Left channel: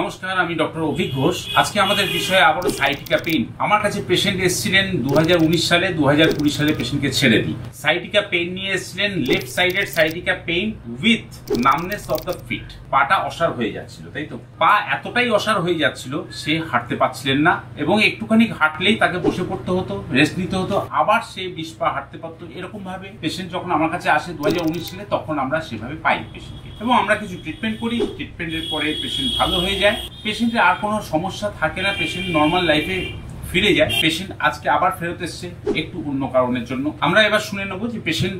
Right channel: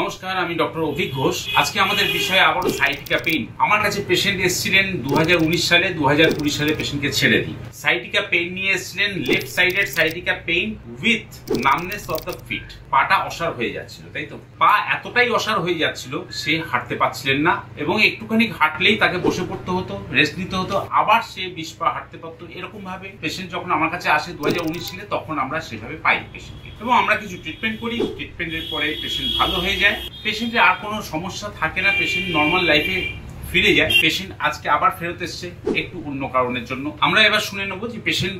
নমস্কার, আমি ডক্টর অভিক ঘোষ। আজকে আমাদের বিষয়ে আবারও সাইটিকা পেইন। আমার কাছে পেশেন্ট এসেছিলেন 2019 সালে, 2020 সালে পেশেন্টকে ছেড়ে দিই। সাইটিকা পেইন নিয়ে এসেছিলেন, লেফট সাইডের sciatica pain with numbness of the feet. পাটা অসাড় হয়ে যাচ্ছিল, তাই তো? পা এতটাই অসাড় হয়ে যাচ্ছিল, সে হাঁটতে পারছিলেন না এবং একটুখানি হাঁটলেই তাকে বসে পড়তে হতো, রেস্ট নিতে হতো, আবার সে 20 পা হাঁটতে পারতো। এরকম ভাবে পেশেন্ট যখন আমার কাছে আসে 2019 সালে, তখন আমরা সেভাবে পাই পেশেন্টকে এবং আমরা কিছু ট্রিটমেন্ট করি। ট্রিটমেন্টের পরে পেশেন্ট ভালো হয়ে যায়, পেশেন্টের আর কোনো সমস্যা থাকে না, পেশেন্ট নর্মাল লাইফে ফিরে যায়। পেশেন্ট আজকে আবার ফেরত এসছে একটু অন্য কারণের জন্য। আমরা এবার শুনে নেবো যে পেশেন্ট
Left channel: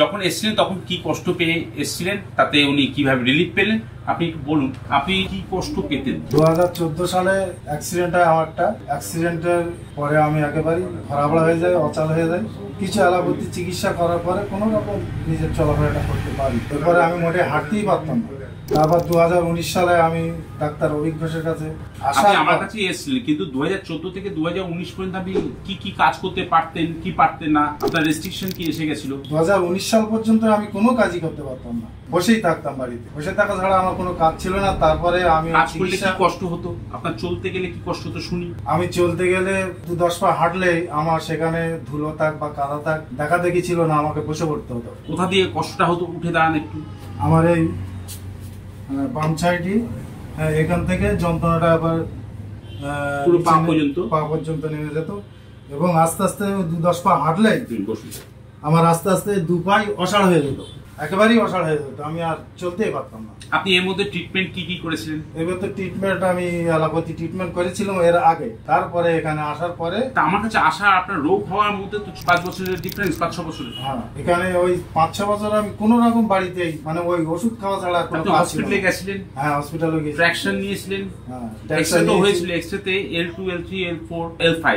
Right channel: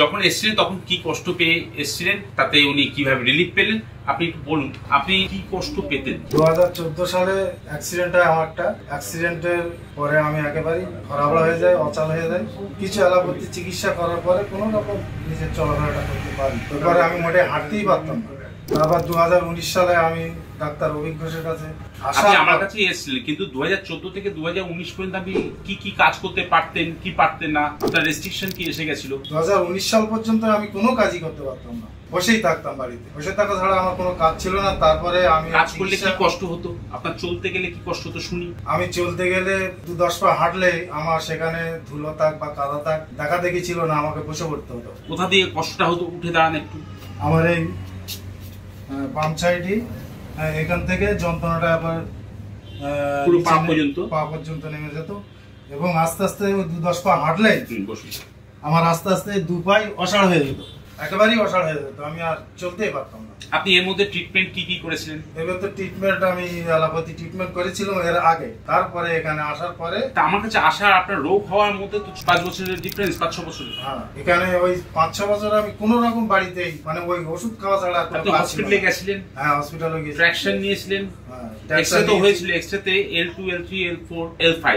যখন এসছিলেন তখন কি কষ্ট পেয়ে এসছিলেন, তাতে উনি কিভাবে রিলিফ পেলেন। আপনি একটু বলুন, আপনি কি কষ্ট পেতেন? 2014 সালে অ্যাক্সিডেন্ট হয় আমারটা। অ্যাক্সিডেন্টের পরে আমি একেবারেই খরাবড়া হয়ে যাই, অচল হয়ে যাই। কিছু অ্যালোপ্যাথি চিকিৎসা করার পরে কোনো রকম নিজের চলাফেরাটা করতে পারি। এরপরে আমি মোটে হাঁটতেই পারতাম না। তারপর 2019 সালে আমি ডাক্তার অভিক ঘোষের কাছে আপনি আমার কাছে এসেছিলেন, কিন্তু 2014 থেকে 2019 পর্যন্ত আপনি কি কাজ করতে পারতেন, কি পারতেন না? আপনার রেস্ট্রিকশন কি এসে গেছিল? 2019 সাল পর্যন্ত আমি কোনো কাজই করতে পারতাম না, বসেই থাকতাম বাড়িতে। বসে থাকা ছাড়া আমার কোনো কাজ ছিল না। তারপরে আমি কাজ করলে কি কষ্ট হতো? আপনার চলতে গেলে কি কষ্ট হতো শুনি। আমি চলতে গেলে 2-10 পা হাঁটলেই আমার সেখানে ধুলো থাক বা কাদা থাক দেখা দেখি ছিল না, আমাকে বসে পড়তে হতো। কোথা দিয়ে কষ্টটা হতো? উঠে দাঁড়ান একটু। আমার এই বাম সাইডই, এখান থেকে যন্ত্রণাটা আবার পা পর্যন্ত নেমে যেত এবং আস্তে আস্তে 2-10 পা হাঁটলেই আমার আস্তে আস্তে 2 পাই অসাড় হয়ে যেত, একেবারেই অসাড় হয়ে যেত। আমি আর চলতেই পারতাম না। আপনি এর মধ্যে ট্রিটমেন্ট কি করেছিলেন? এবার তো ট্রিটমেন্ট আমি অ্যালোপ্যাথি ট্রিটমেন্ট করেছিলাম এর আগে। তারপরে এখানে আসার পরে আমার কাছে আসা, আপনার রোগ হওয়ার মধ্যে তো 5 বছরের ডিফারেন্স, 5-6 বছর। হ্যাঁ, এখানে ওই 5-6 বছর আমি কোনো রকম বাড়িতেই মানে ওই ওষুধ খাওয়া ছাড়া কোনো কাজ ছিল না। হসপিটালে গেছিলেন? হ্যাঁ, হসপিটালে গেছি। ট্র্যাকশন নিয়েছিলেন? হ্যাঁ, এক্সরে তো হয়েছিল। এক্সরেতে L2, L3, L4, L5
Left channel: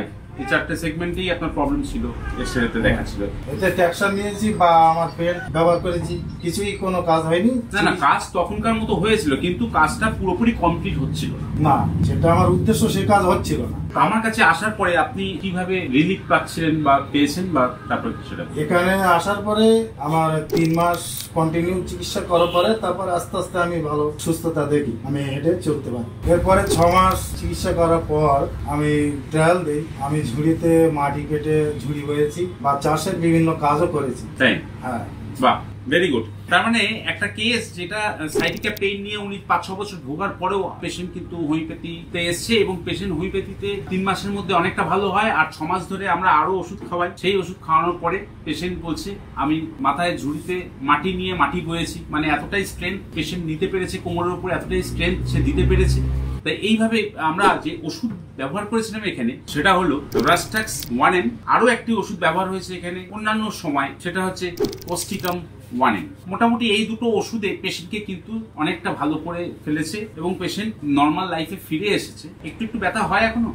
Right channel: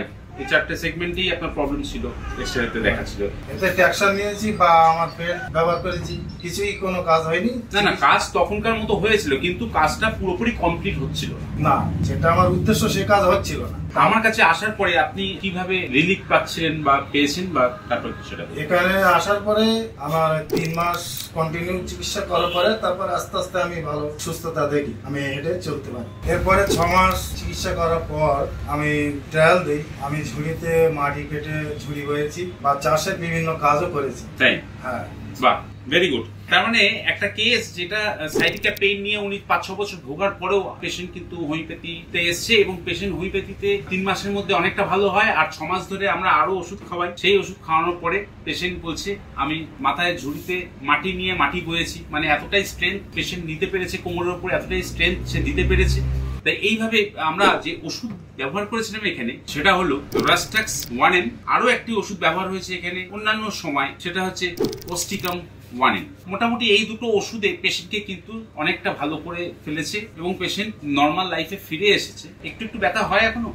এই 4টে সেগমেন্টেই আপনার প্রবলেম ছিল, এক্সরেতে দেখাচ্ছিল। এতে ট্র্যাকশন নিয়েছি বা আমার বেল্ট ব্যবহার করেছি, কিছুই কোনো কাজ হয়নি। না, কাজ তখনকার মতো হয়েছিল, কিন্তু কাজটা পুরোপুরি কমপ্লিট হচ্ছিল না। সেটা আমার উদ্দেশ্য, সে কাজ হচ্ছিল না। আমার কাছে আসার পরে আপনি কিভাবে রিলিফ পাচ্ছিলেন বা পেয়েছেন, বা তারপর সেটা? এখানে আসার পরে আমার 3 মাস কন্টিনিউ চিকিৎসা করার পরে তারপর আস্তে আস্তে আমি ভালো সুস্থতা দেখি, আমি হেঁটে চলতে পারি। এরপরে 6 মাস চিকিৎসা করার পর আমি ট্রায়াল দিই। আমি ঝুড়িতে মাটি কেটে ঝুড়ি বয়েছি বা চাষের বিভিন্ন কাজও করেছি। তাই? হ্যাঁ। বাহ, ভেরি গুড। তার মানে একটা কেস যেটা সাইটিকা পেইন নিয়ে উনি 5-6 বছর ভোগার পরেও পেশেন্ট কিন্তু হোমিওপ্যাথিতে এসছে এবং পেশেন্ট হোমিওপ্যাথিতে 3 মাসের মধ্যে অনেকটা ভালো হয়। আর 6 মাস ধরে আমরা আরো ওষুধ খাওয়াই। সেই ওষুধ খাওয়ানোর পরে পেশেন্ট বলছে আমি মাথায় ঝুড়িতে মাটি নিয়ে মাটি বয়েছি। মানে এতটাই স্ট্রেংথ পেশেন্ট নিতে পেরেছে, কোমরের উপরে এতটাই স্ট্রেংথ সে দিতে পেরেছে। তাই এইভাবে আমরা যে ওষুধ ব্যবহার করেছিলাম এখানে, সেটা হলো রাস্টাক্স 1M। আরো একটি ওষুধ ব্যবহার হয়েছে এখানে অন্যান্য সময়, সেটা হচ্ছে অস্টিকাম 1M। মোটামুটি এই দুটো ওষুধে পেশেন্টকে কিন্তু অনেকটা ভালো করে ফেলেছে এবং পেশেন্ট নর্মাল লাইফে ফিরে এসেছে। একটু ব্যথা হয় এখনো,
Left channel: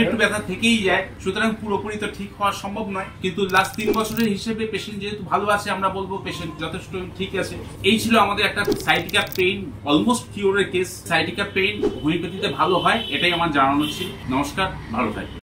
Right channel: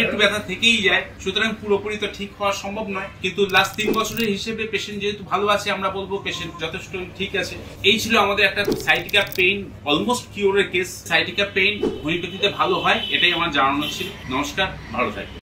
একটু ব্যথা থেকেই যায়, সুতরাং পুরোপুরি তো ঠিক হওয়া সম্ভব নয়। কিন্তু লাস্ট 3 বছরের হিসেবে পেশেন্ট যেহেতু ভালো আছে, আমরা বলবো পেশেন্ট যথেষ্ট ঠিক আছে। এই ছিল আমাদের একটা সাইটিকা পেইন অলমোস্ট কিওরের কেস। সাইটিকা পেইন হোমিওপ্যাথিতে ভালো হয়, এটাই আমার জানানো ছিল। নমস্কার, ভালো থাকবেন।